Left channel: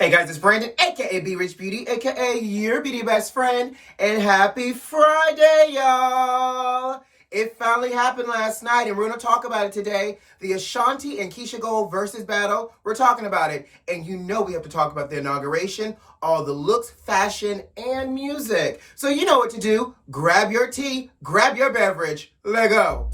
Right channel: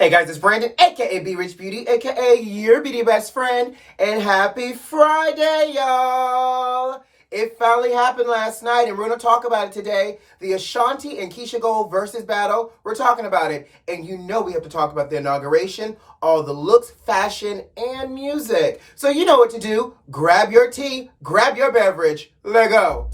Hey guys, it's Brandon, aka B.Rich Beauty, aka your beauty best friend, and happy Friday, y'all! It finally happened last night, and we're going to talk about it today. The Ashanti and Keesha Cole versus battle. We're talking about it, and you know we have to talk about the inauguration, all the looks, fashion, and music. So you know what to do. Grab your tea, grab your beverage, let go.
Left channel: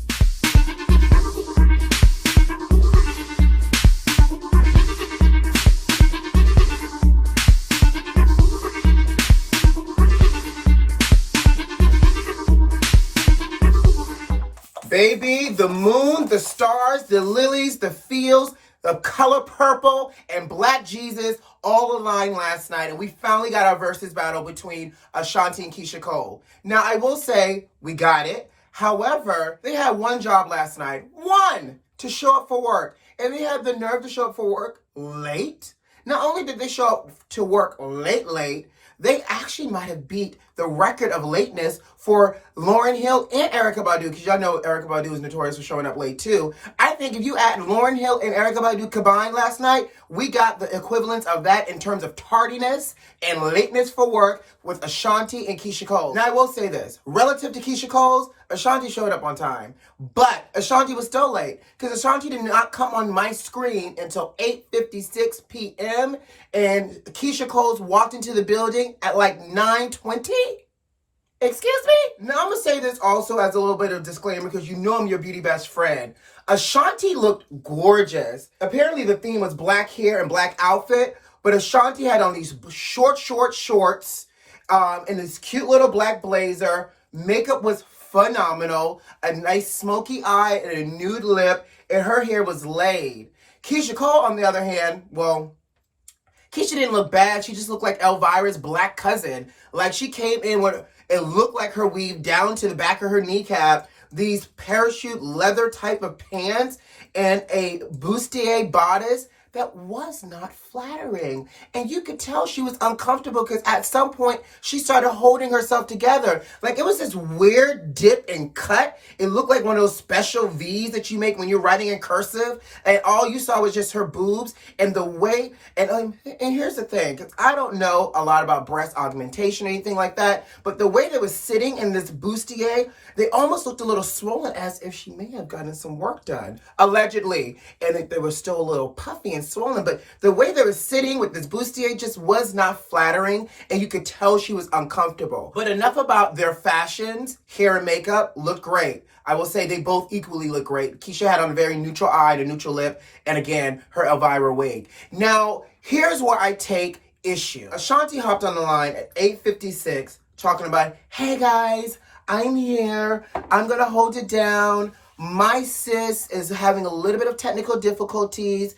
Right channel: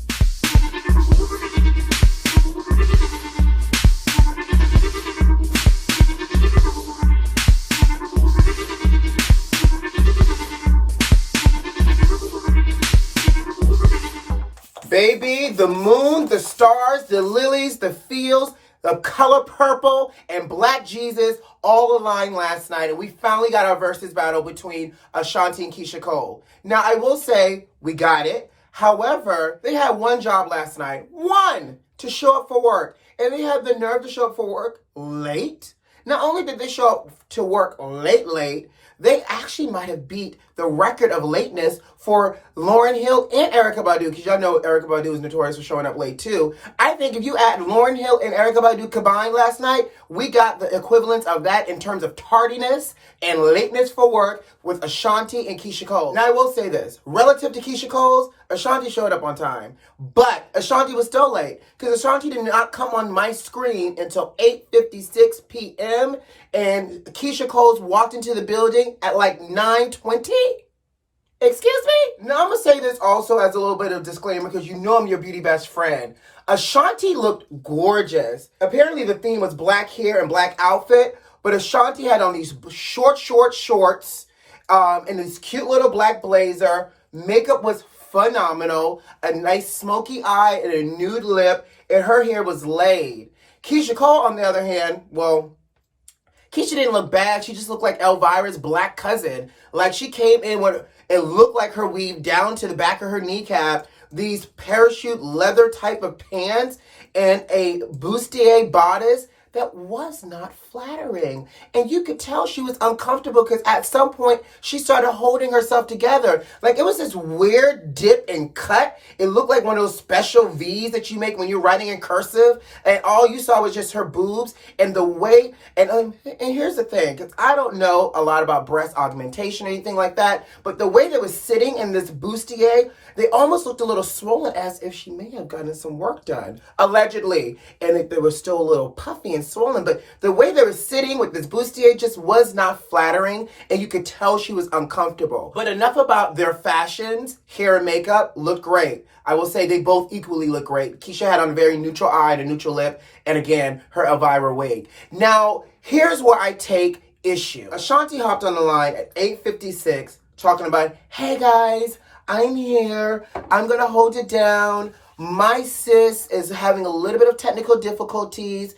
Baby, the moon, the stars, the lilies, the fields, the color purple, and Black Jesus all aligned last night, and we finally got our versus battle between Ashanti and Keesha Cole. Now, I will say we got it. However, they had one job last night. One! To show up for work. And they had the nerve to show up for work late. Not only did they show up to work late, they actually might have beat the record of lateness for Lauryn Hill and Erykah Badu, because y'all know Erykah Badu is notorious for showing up late too. I think if you add Lauryn Hill and Erykah Badu combined last night, we got the equivalence of that in terms of tardiness and lateness for work with Ashanti and Keesha Cole. Now I will say this, relative to Keesha Cole's, Ashanti showed up on time, but Ashanti was still late because Ashanti did not come on my screen until 8:56 p.m. and Keesha Cole's walked into the building at like 9:20. Excuse me? Now, I'm going to say this also as a little bit of disclaimer because you know I'm your beauty best friend. Ashanti looked gorgeous. Apparently, the theme was black hair and black outfit, but Ashanti had on these short shorts and this cute little black blazer. Makeup was phenomenal. A nice smoky eye and a nude lip, and her hair was laid. Keesha Cole, on the other hand, well, Keesha didn't look bad. She just looked like Elvira's black cousin. Like, she came in with... It looked like her weave down to the back of her kneecap, these parachute leather type of pants, and a bustier bodice that was not flattering. And you could tell she was uncomfortable because at some point she started holding herself together. Like it was this weird dip and cut. It looked like one of those special V's that you make when you're writing in cursive. And all you saw was just her boobs and the way. And here's the thing, because I don't know a lot about breast augmentation or anything like that, but the way they was sitting in this bustier, they almost looked a little swollen as if she may have gotten some work done, allegedly. And if they were still a little puffy and swollen, but the way they were sitting with this bustier just was not flattering, and you could tell she was uncomfortable. But enough about their fashions. Hair and makeup looked great. I will say they both equally look great. Keesha had on a very neutral eye and a neutral lip, and again, her Elvira wig. Now, here's where I take issue. Ashanti hopped on the line at 8:56 talking about, hey guys, I'm here. I'm going to hold it down. My sis is having a little bit of technical difficulties.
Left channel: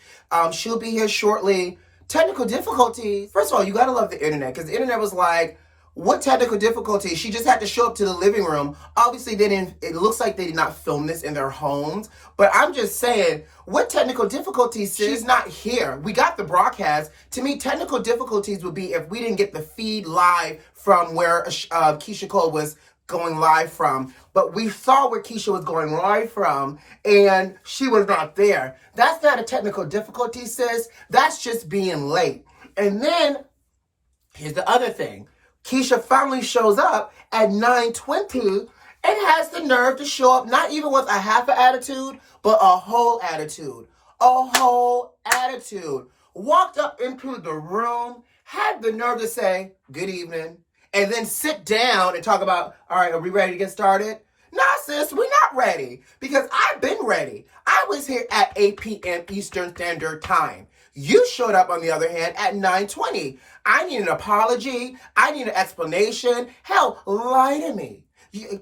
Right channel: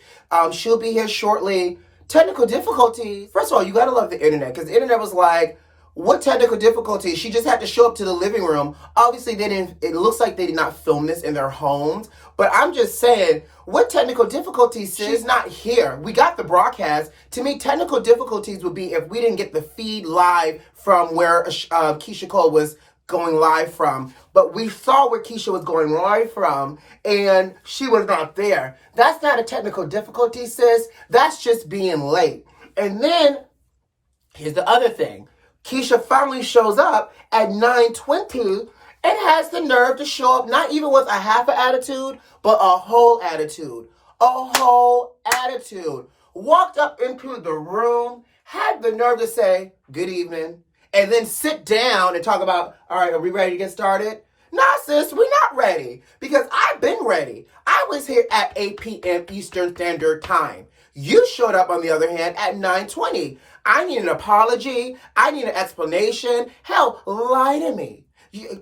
She'll be here shortly. Technical difficulties? First of all, you got to love the internet because the internet was like, what technical difficulties? She just had to show up to the living room. Obviously, it looks like they did not film this in their homes. But I'm just saying, what technical difficulties, sis? She's not here. We got the broadcast. To me, technical difficulties would be if we didn't get the feed live from where Keesha Cole was going live from, but we saw where Keesha was going live from, and she was not there. That's not a technical difficulty, sis. That's just being late. And then, here's the other thing. Keesha finally shows up at 9:20 and has the nerve to show up not even with a half an attitude, but a whole attitude. A whole attitude. Walked up into the room, had the nerve to say, good evening, and then sit down and talk about, all right, are we ready to get started? Nah, sis, we're not ready because I've been ready. I was here at 8 p.m. Eastern Standard Time. You showed up, on the other hand, at 9:20. I need an apology. I need an explanation. Hell, lie to me.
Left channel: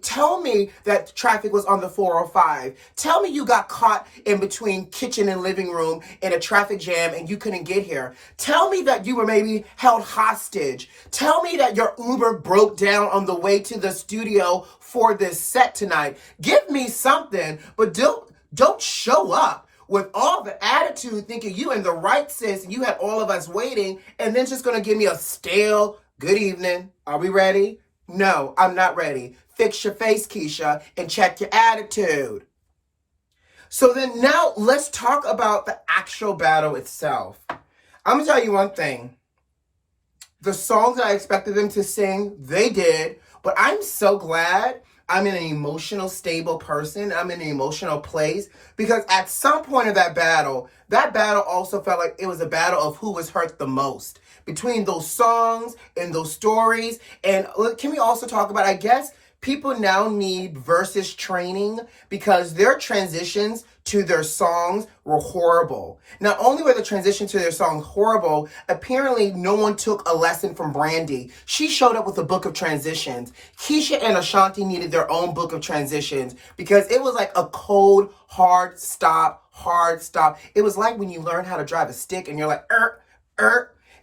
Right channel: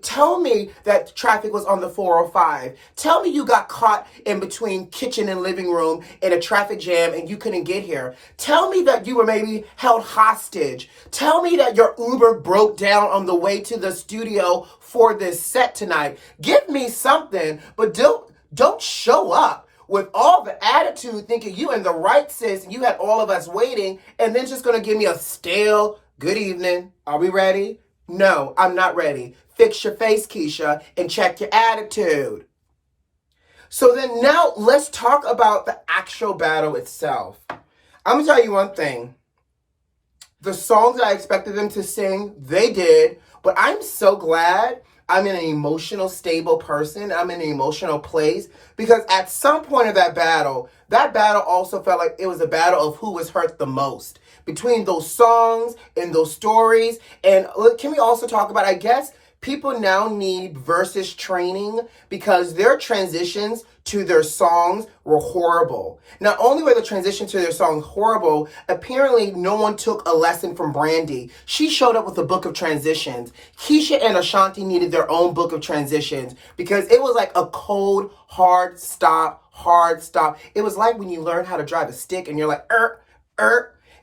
Tell me that traffic was on the 405. Tell me you got caught in between kitchen and living room in a traffic jam and you couldn't get here. Tell me that you were maybe held hostage. Tell me that your Uber broke down on the way to the studio for this set tonight. Give me something, but don't show up with all the attitude thinking you in the right, sis, and you had all of us waiting, and then just going to give me a stale, good evening. Are we ready? No, I'm not ready. Fix your face, Keesha, and check your attitude. So then now let's talk about the actual battle itself. I'm going to tell you one thing. The songs that I expected them to sing, they did. But I'm so glad I'm in an emotional, stable person. I'm in an emotional place. Because at some point of that battle also felt like it was a battle of who was hurt the most. Between those songs and those stories. And look, can we also talk about, I guess, people now need versus training because their transitions to their songs were horrible. Not only were the transitions to their songs horrible, apparently no one took a lesson from Brandy. She showed up with a book of transitions. Keesha and Ashanti needed their own book of transitions because it was like a cold, hard stop. It was like when you learn how to drive a stick and you're like,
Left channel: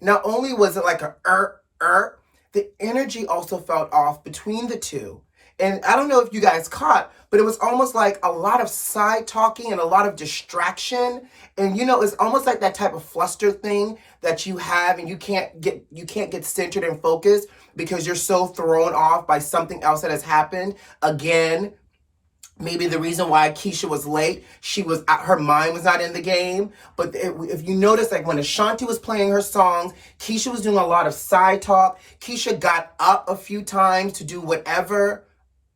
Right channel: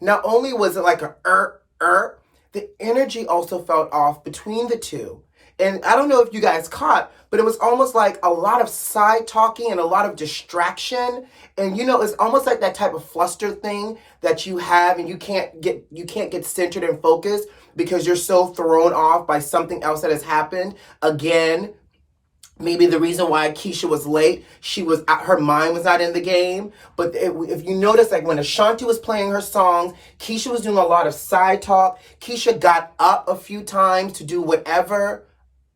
Not only was it like a the energy also felt off between the two. And I don't know if you guys caught, but it was almost like a lot of side talking and a lot of distraction. And you know, it's almost like that type of fluster thing that you have and you can't get centered and focused because you're so thrown off by something else that has happened. Again, maybe the reason why Keesha was late, her mind was not in the game. But if you notice, like when Ashanti was playing her songs, Keesha was doing a lot of side talk. Keesha got up a few times to do whatever.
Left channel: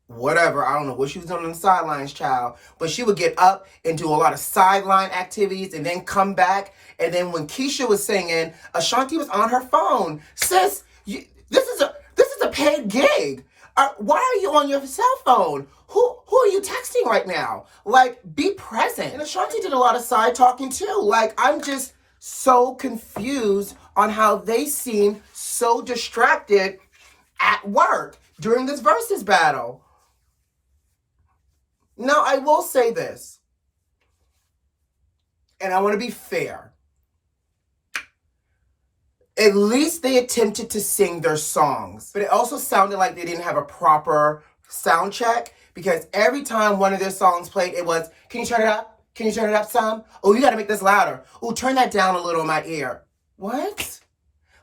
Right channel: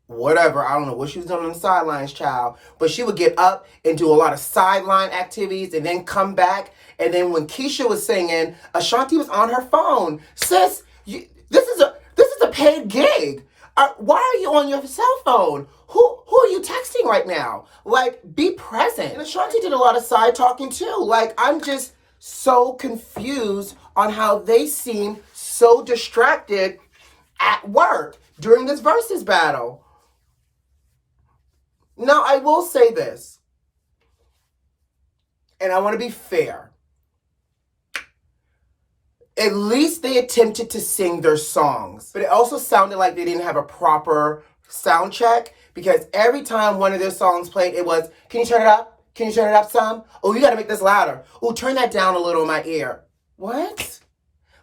I don't know what she was doing on the sidelines, child. But she would get up and do a lot of sideline activities and then come back. And then when Keesha was singing, Ashanti was on her phone. Sis, this is a paid gig. Why are you on your cell phone? Who are you texting right now? Like, be present. And Ashanti did a lot of side talking too. Like, I'm just so confused on how they seem so distracted at work during this versus battle. Now, I will say this, and I want to be fair. At least they attempted to sing their songs, but it also sounded like they didn't have a proper sound check because every time one of their songs played, it was, can you turn it up? Can you turn it up some? Oh, you got to make this louder. Oh, turn that down a little in my ear. What?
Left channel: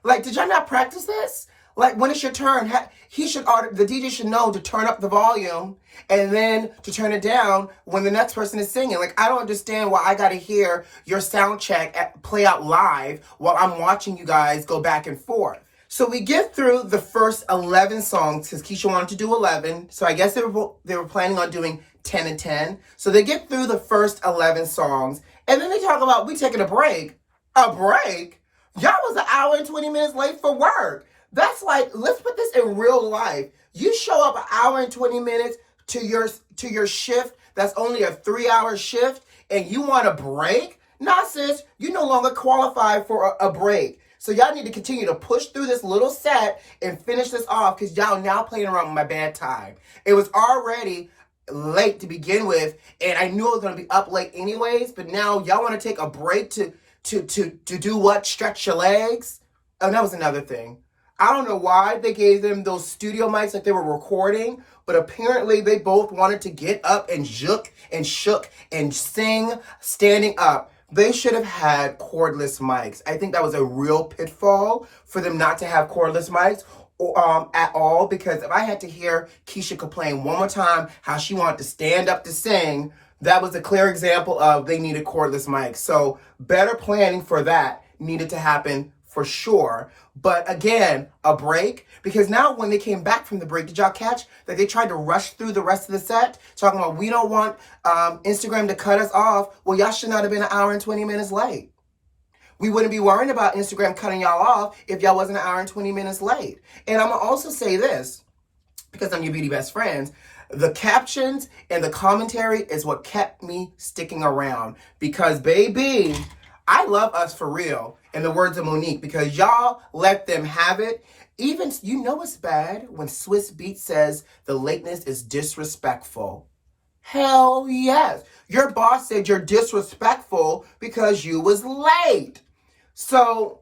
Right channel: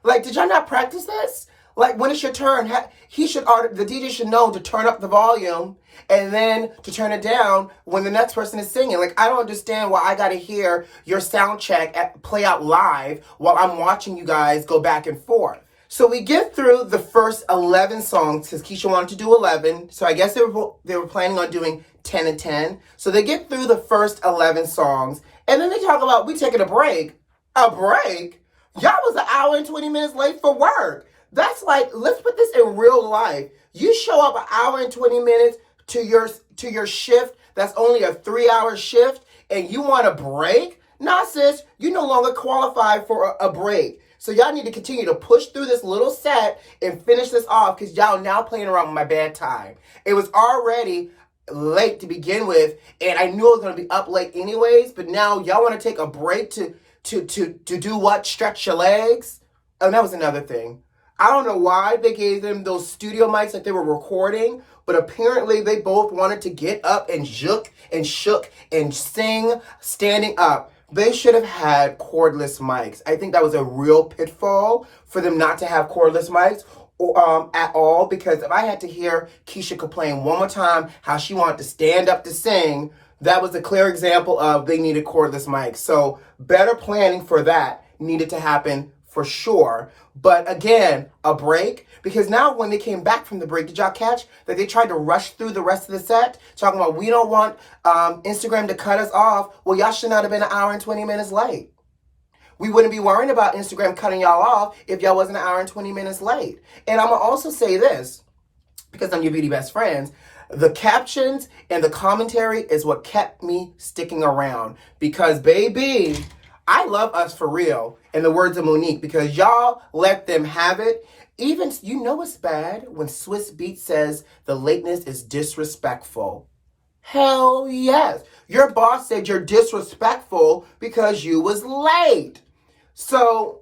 Like, did y'all not practice this? Like, when it's your turn, the DJ should know to turn up the volume and then to turn it down when the next person is singing. Like, I don't understand why I got to hear your sound check play out live while I'm watching you guys go back and forth. So we get through the first 11 songs because Keesha wanted to do 11. So I guess they were planning on doing 10 and 10. So they get through the first 11 songs. And then they talk about, we taking a break. A break? Y'all was an hour and 20 minutes late for work. That's like, let's put this in real life. You show up an hour and 20 minutes to your shift that's only a 3-hour shift and you want a break? Nah, sis, you no longer qualify for a break. So y'all need to continue to push through this little set and finish this off because y'all now playing around with my bad time. It was already late to begin with and I knew I was going to be up late anyways, but now y'all want to take a break to do what? Stretch your legs? Oh, that was another thing. I don't know why they gave them those studio mics like they were recording, but apparently they both wanted to get up and shook and sing standing up. They should have had cordless mics. I think that was a real pitfall for them not to have cordless mics at all, because if I had to hear Keesha complain one more time how she wanted to stand up to sing, that was a clear example of they needed cordless mics. So better planning for that needed to happen for sure. But again, a break, because now when they came back from the break, did y'all catch that they tried to rush through the rest of the set, talking about we don't want Instagram to cut us off? Well, y'all should not have been an hour and 20 minutes late. We wouldn't be worrying about Instagram cutting y'all off if y'all wasn't an hour and 20 minutes late. And I'm going to also say this, because I'm your beauty best friends, the captions and the commentary is what kept me sticking around. Because, baby, I love us for real, in the words of Monique, because y'all let them have it. Even, you know it's bad when Swiss Beat says the lateness is disrespectful. Hell yes. Your boss said you're disrespectful because you was late. So,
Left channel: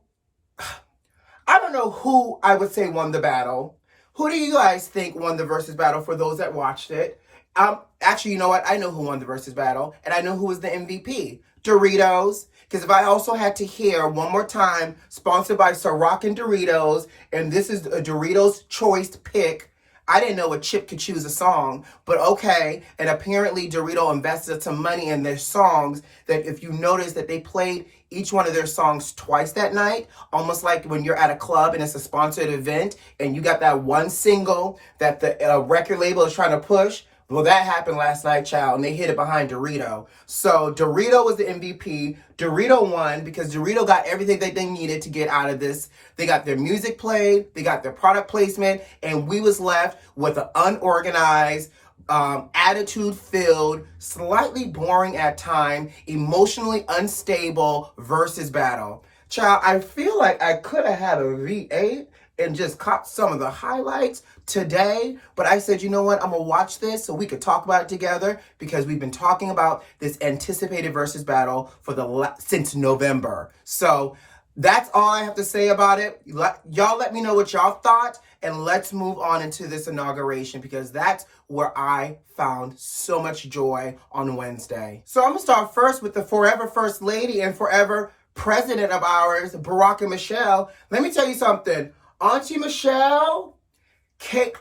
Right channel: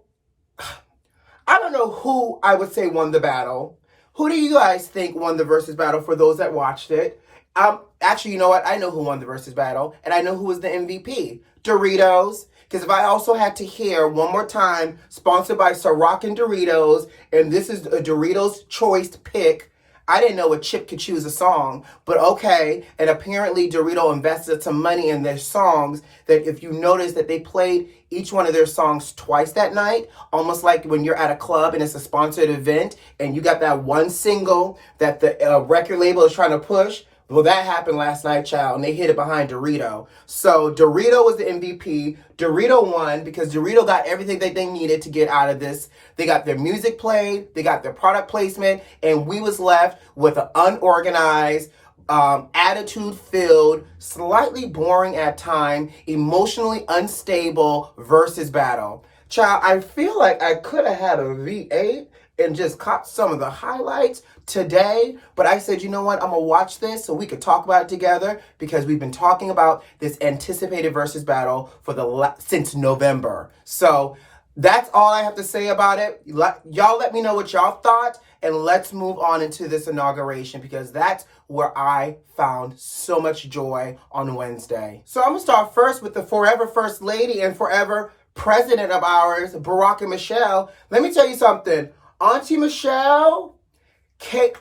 I don't know who I would say won the battle. Who do you guys think won the versus battle for those that watched it? Actually, you know what? I know who won the versus battle, and I know who was the MVP. Doritos. Because if I also had to hear one more time, sponsored by Ciroc and Doritos, and this is a Doritos choice pick, I didn't know a chip could choose a song, but okay. And apparently Dorito invested some money in their songs that if you notice that they played each one of their songs twice that night, almost like when you're at a club and it's a sponsored event and you got that one single that the record label is trying to push. Well, that happened last night, child, and they hid it behind Dorito. So Dorito was the MVP. Dorito won because Dorito got everything that they needed to get out of this. They got their music played, they got their product placement, and we was left with an unorganized, attitude-filled, slightly boring at time, emotionally unstable versus battle. Child, I feel like I could have had a V8 and just caught some of the highlights today, but I said, you know what, I'm gonna watch this so we could talk about it together because we've been talking about this anticipated versus battle for since November. So that's all I have to say about it. Y'all let me know what y'all thought, and let's move on into this inauguration because that's where I found so much joy on Wednesday. So I'm gonna start first with the forever First Lady and forever President of ours, Barack and Michelle. Let me tell you something. Auntie Michelle,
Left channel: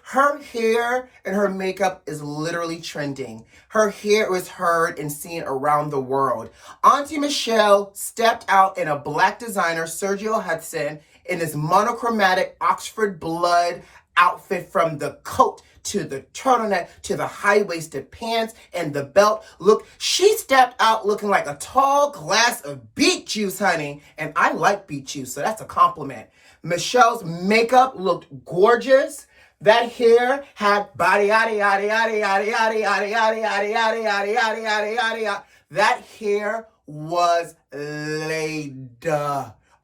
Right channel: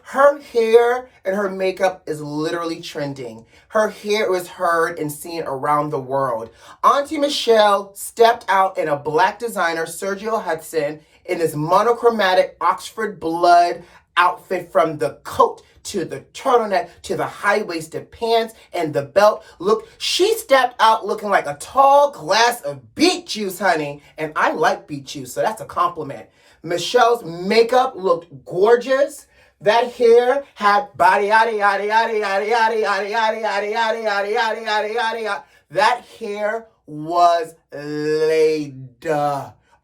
her hair and her makeup is literally trending. Her hair was heard and seen around the world. Auntie Michelle stepped out in a black designer, Sergio Hudson, in this monochromatic Oxford blood outfit from the coat to the turtleneck to the high-waisted pants and the belt. Look, she stepped out looking like a tall glass of beet juice, honey. And I like beet juice, so that's a compliment. Michelle's makeup looked gorgeous. That hair had body yada yada yada yada yada yada yada yada yada yada yada yada yada yada. That hair was laid.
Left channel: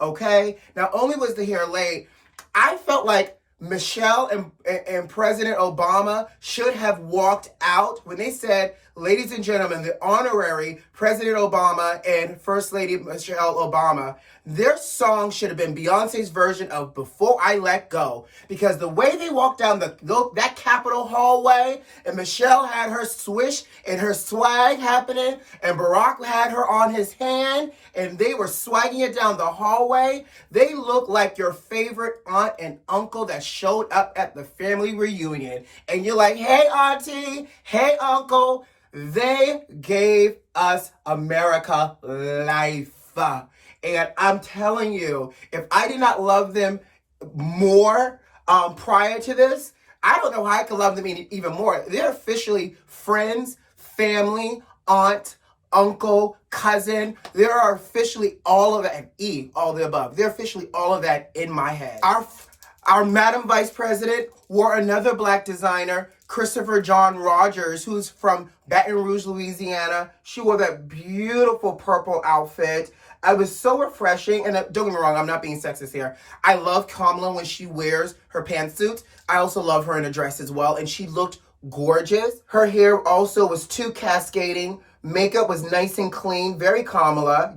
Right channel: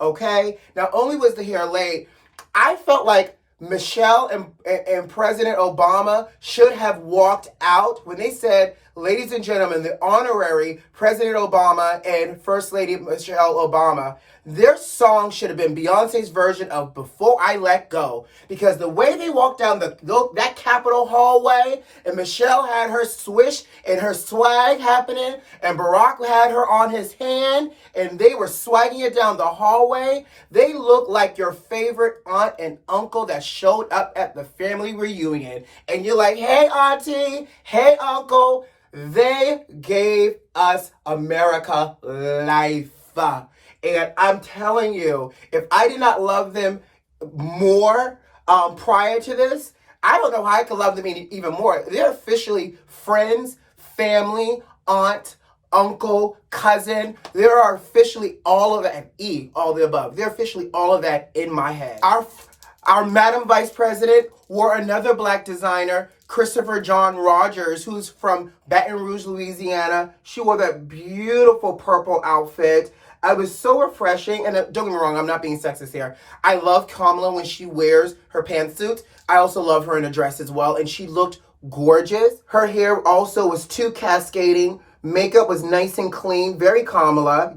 Okay? Not only was the hair laid, I felt like Michelle and President Obama should have walked out when they said, ladies and gentlemen, the honorary President Obama and First Lady Michelle Obama. Their song should have been Beyonce's version of Before I Let Go. Because the way they walked down that Capitol hallway, and Michelle had her swish and her swag happening, and Barack had her on his hand, and they were swagging it down the hallway. They looked like your favorite aunt and uncle that showed up at the family reunion. And you're like, hey, auntie, hey, uncle. They gave us America life. And I'm telling you, if I did not love them more prior to this, I don't know how I could love them even more. They're officially friends, family, aunt, uncle, cousin. There are officially all of that, all the above. They're officially all of that in my head. Our Madam Vice President wore another black designer, Christopher John Rogers, who's from Baton Rouge, Louisiana. She wore that beautiful purple outfit. It was so refreshing, and don't get me wrong, I'm not being sexist here. I love Kamala when she wears her pantsuits. I also love her in a dress as well, and she looked gorgeous. Her hair also was too cascading. Makeup was nice and clean, very Kamala,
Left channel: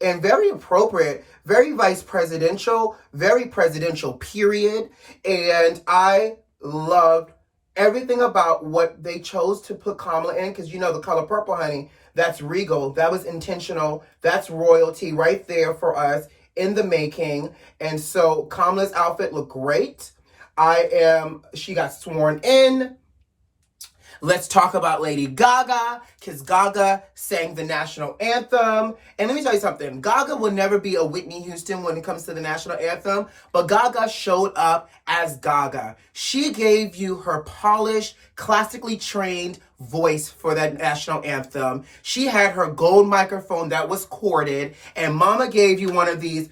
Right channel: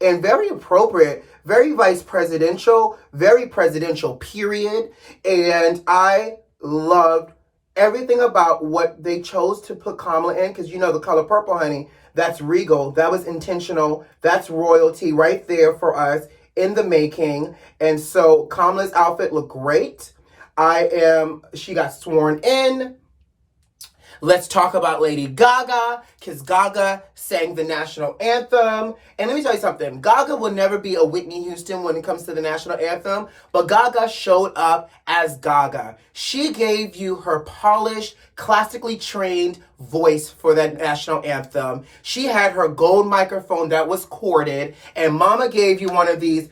and very appropriate, very vice presidential, very presidential, period. And I loved everything about what they chose to put Kamala in, because the color purple, honey, that's regal. That was intentional. That's royalty right there for us in the making. And so Kamala's outfit looked great. She got sworn in. Let's talk about Lady Gaga, because Gaga sang the national anthem. And let me tell you something. Gaga will never be a Whitney Houston when it comes to the national anthem, but Gaga showed up as Gaga. She gave you her polished, classically trained voice for that national anthem. She had her gold microphone that was corded, and Mama gave you one of these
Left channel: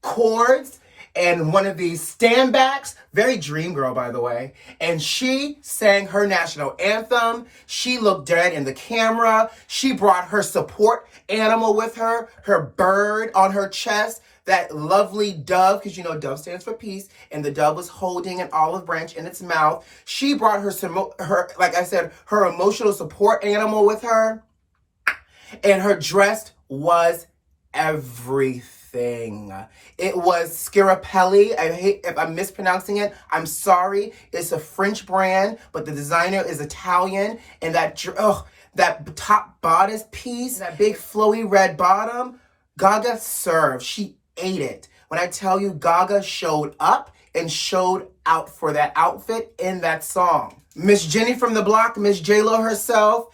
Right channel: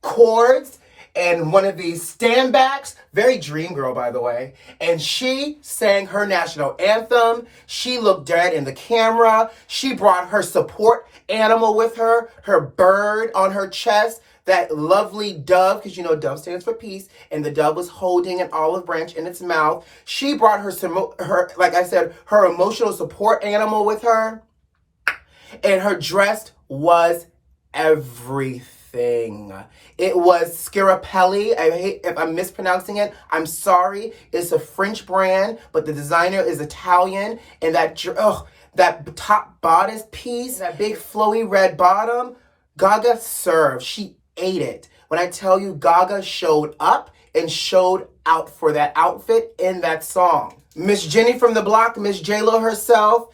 cords and one of these standbacks, very dream girl, by the way, and she sang her national anthem. She looked dead in the camera. She brought her support animal with her bird on her chest, that lovely dove, because dove stands for peace, and the dove was holding an olive branch in its mouth. She brought her, like I said, her emotional support animal with her, and her dress was everything. It was Scarapelli. I hate if I'm mispronouncing it. I'm sorry. It's a French brand, but the designer is Italian. And that top bodice piece, that big flowy red bottom, Gaga served. She ate it. When I tell you Gaga showed up and showed out for that outfit in that song. Miss Jenny from the block, Miss J-Lo herself,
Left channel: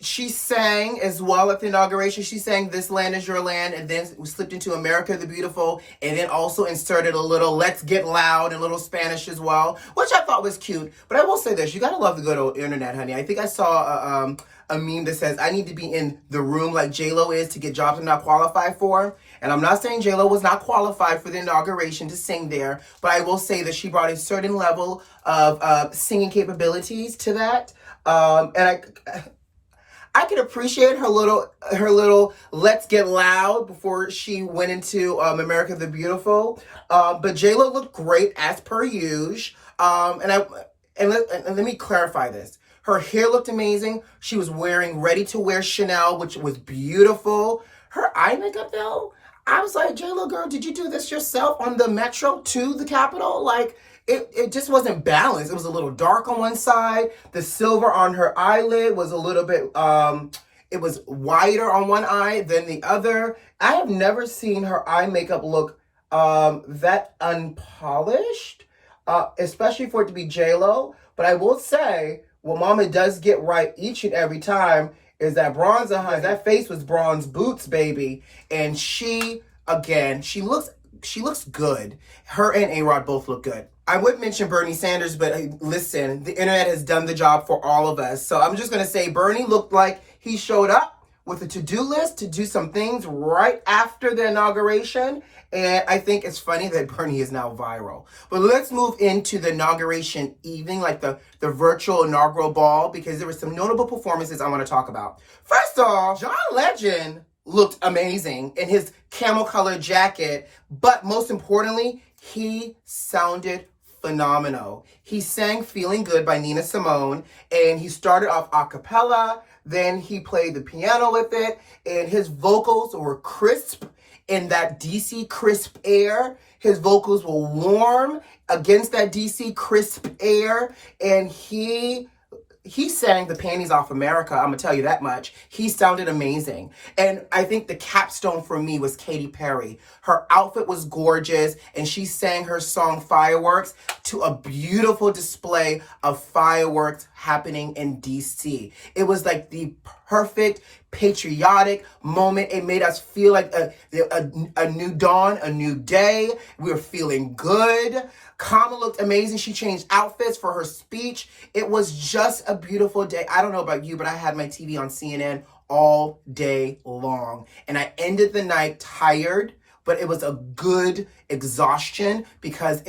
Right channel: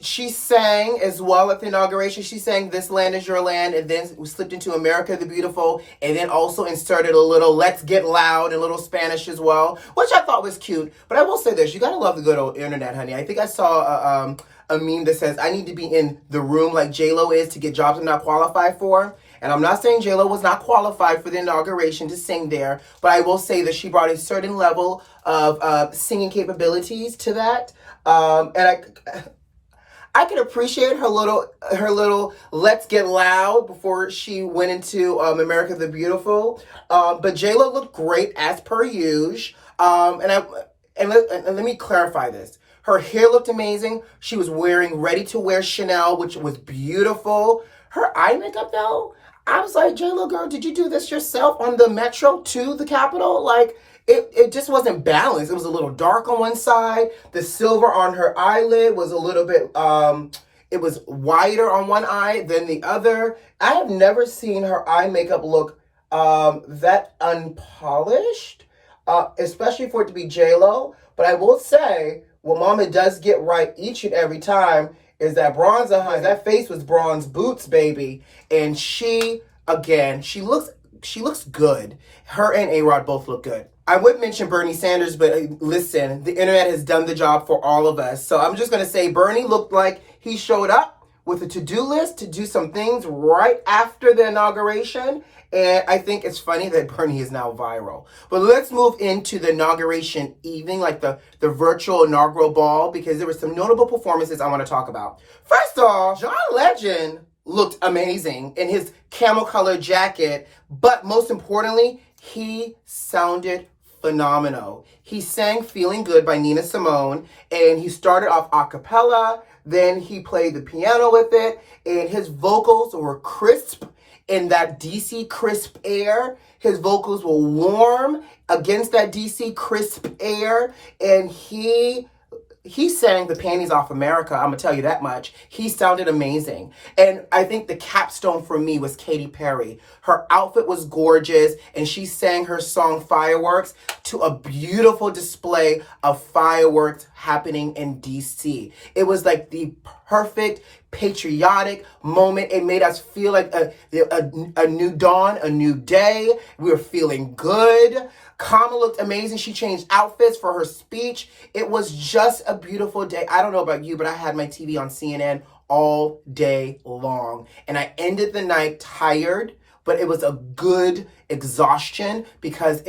she sang as well at the inauguration. She sang This Land Is Your Land, and then we slipped into America the Beautiful, and then also inserted a little Let's Get Loud and a little Spanish as well, which I thought was cute. But I will say this, you gotta love the good old internet, honey. I think I saw a meme that says, I need to be in the room like J-Lo is to get jobs I'm not qualified for. And I'm not saying J-Lo was not qualified for the inauguration to sing there, but I will say that she brought a certain level of singing capabilities to that. And I can appreciate her little Let's Get Loud before she went into America the Beautiful. But J-Lo looked great as per usual. And let me clarify this. Her hair looked amazing. She was wearing ready-to-wear Chanel, which was beautiful. Her eye makeup, though, I was like, J-Lo, girl, did you do this yourself on the metro to the Capitol? Like, it just wasn't balanced. It was a little dark on one side. The silver on her eyelid was a little bit, it was wider on one eye than the other. I have never seen her eye makeup look that unpolished, especially for it to be J-Lo. But I will say, what Mama does get right each and every time is that bronzer, honey. That face was bronze boots, baby. And she, again, she looks good. Her and A-Rod both look good. I would mention Bernie Sanders, but listen, the internet has done the job for all of us. So I'm just going to say Bernie looked like he showed up with a to-do list to do some things right after the inauguration. And I think it's funny that Bernie is now viral. But let's move into the inauguration evening, like the virtual inaugural ball, because there were some notable performances I want to talk about. First off, John Legend looked amazing in his camel colored jacket, but most importantly, he sounded phenomenal. He sang Feeling Good by Nina Simone, and he started off a cappella, then he played the piano with it, and his vocals were crisp in that DC crisp air. His vocals were warm against that DC crisp air, and he sang the panties off America, I'm gonna tell you that much. He sounded amazing. And I think the capstone for me was Katy Perry. Her outfit was gorgeous, and she sang her song Fireworks to a beautiful display of fireworks happening in DC. It was like the perfect patriotic moment. It made us feel like a new dawn, a new day. We were feeling good. Kamala looked amazing. She changed outfits for her speech. It was just a beautiful day. I don't know about you, but I had my TV on CNN all day long. And I ended the night tired, but it was a good exhaustion because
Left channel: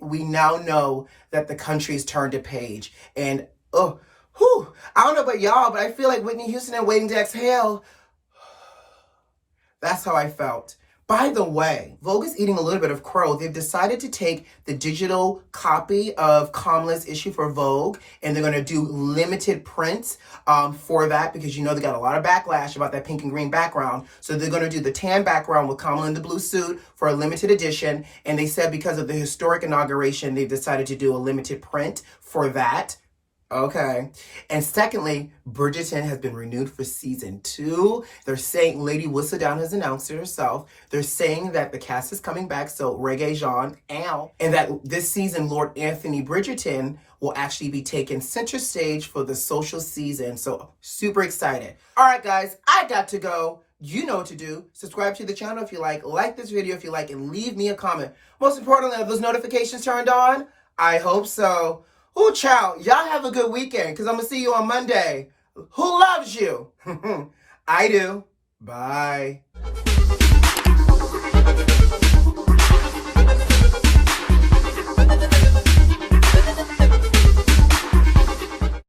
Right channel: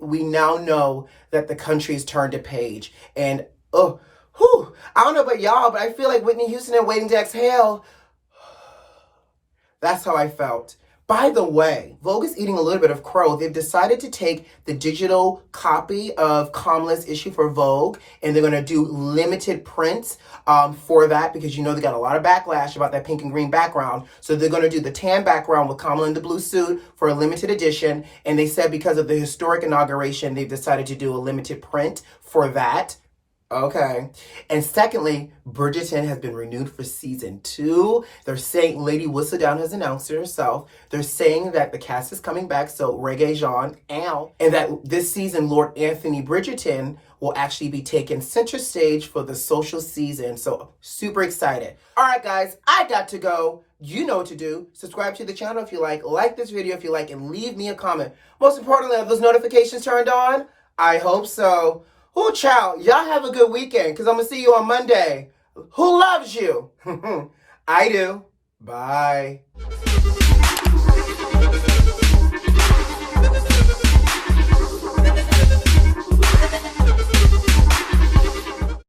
we now know that the country's turned a page. And, I don't know about y'all, but I feel like Whitney Houston and Waiting to Exhale. That's how I felt. By the way, Vogue is eating a little bit of crow. They've decided to take the digital copy of Kamala's issue for Vogue, and they're going to do limited prints for that because you know they got a lot of backlash about that pink and green background. So they're going to do the tan background with Kamala in the blue suit for a limited edition. And they said because of the historic inauguration, they've decided to do a limited print for that. Okay. And secondly, Bridgerton has been renewed for season 2. They're saying Lady Whistledown has announced it herself. They're saying that the cast is coming back, so Reggae Jean, and that this season, Lord Anthony Bridgerton will actually be taking center stage for the social season. So super excited. All right, guys, I got to go. You know what to do. Subscribe to the channel if you like this video if you like, and leave me a comment. Most importantly, are those notifications turned on? I hope so. Ooh, child, y'all have a good weekend because I'm going to see you on Monday. Who loves you? I do. Bye.